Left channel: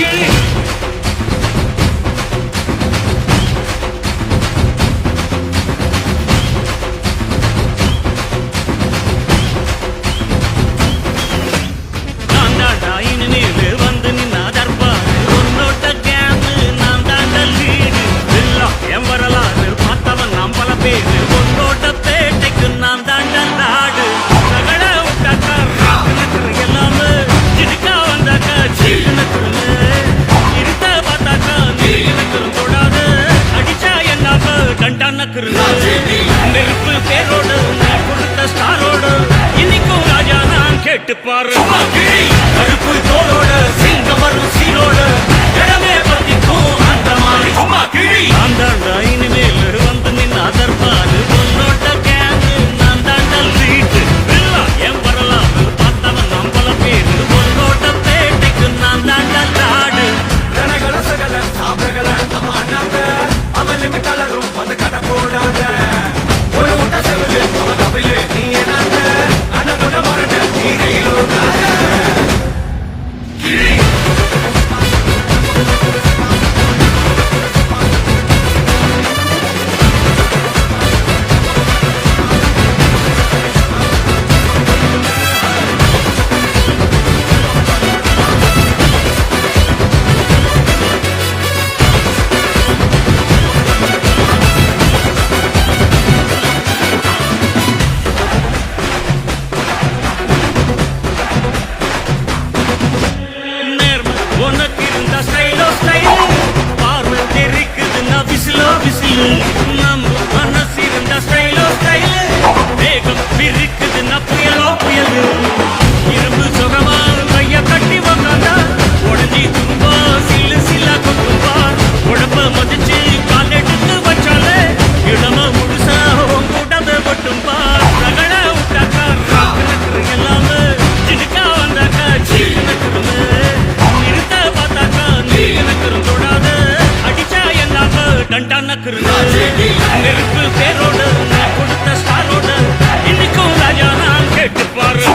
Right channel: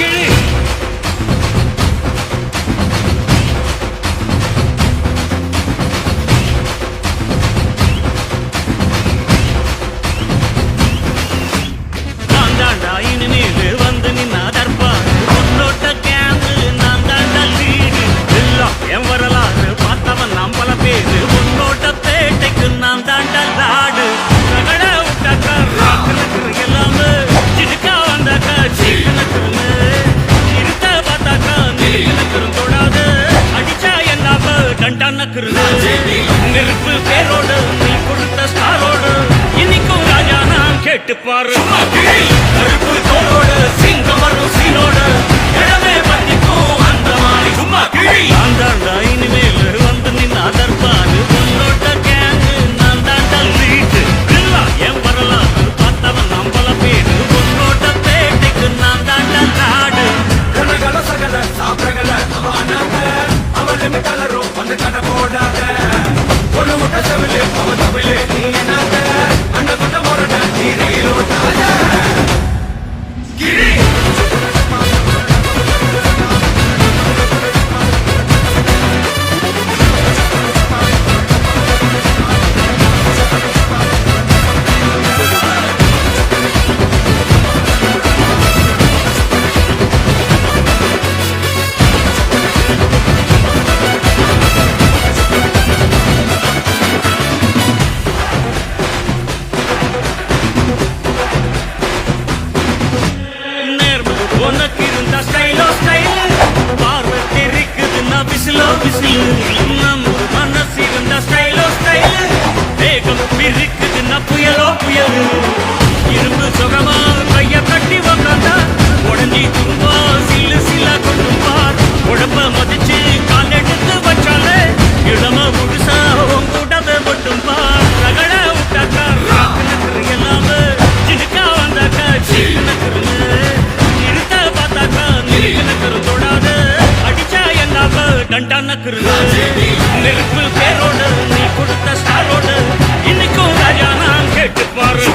கிழி நான் தாண்டா இனிமேல் வந்து நின்னா தற்பாரு உன்னோட்ட கேங்கு நான் தாண்டா லீடு எல்லாம் என் வரலாறு பார்த்தவன் நாம் பல பேரு உன்னோட்ட பேட்டைக்கு நான் தாண்டா லாடு ரகட விட்டாக்கா ராக்கு நக்குறு எல்லாமே சிடுக்கா வந்தாக்கா சீக்கு நக்குறுங்க இருத்த பார்த்தாக்கா நிறுக்கு நக்குறும் தொடாது அடிச்சா எல்லாம டண்டா நக்குறுங்க நெருப்பு பேரோடு நீ கொடுத்த ஸ்டாரோடு இன்னைக்கும் ராஜா நான் கேட்டு பாரு கருப்பு தோளோடு சிங்கம் வரும் சீரோடு இடமே பத்திக்கும் அந்த மாதிரி சும்மா கிழி நான் தாண்டா இனிமேல் வந்து நின்னா தற்பாரு உன்னோட்ட கேங்கு நான் தாண்டா லீட்டு இல்ல என் வரலாறு பார்த்தவன் நாம் பல பேரு உன்னோட்ட பேட்டைக்கு நான் தாண்டா லாடு உனக்கு இருந்த ஸ்டைலோ ஸ்டைல் பார்வை தெரிக்குதுன்னா விசிலோ விசிலு நம்ம மனசு இருந்த ஸ்டைலோ ஸ்டைல் வேகம் பிரிக்குதுன்னா புயலோ புயலு இரும்பு சுகமா கைய கட்டி உக்காந்தா உடஞ்சி துரும்பா சில்லு சில்லா கொட்டும் பார் உடம்ப மதிச்சு கால் எடுத்து வச்சாலே இளம முழுசா உங்கூடவே மட்டும் பார் ரகட விட்டாக்கா ராக்கு நக்குறு எல்லாமே சிடுக்கா வந்தாக்கா சீக்கு நக்குறுங்க நிறுத்த பார்த்தாக்கா நிறுக்கு நக்குறும் தொடாது அடிச்சா எல்லாம டண்டா நக்குறுங்க நெருப்பு பேரோடு நீ கொடுத்த ஸ்டாரோடு இன்னைக்கும் ராஜா நான் கேட்டு பாரு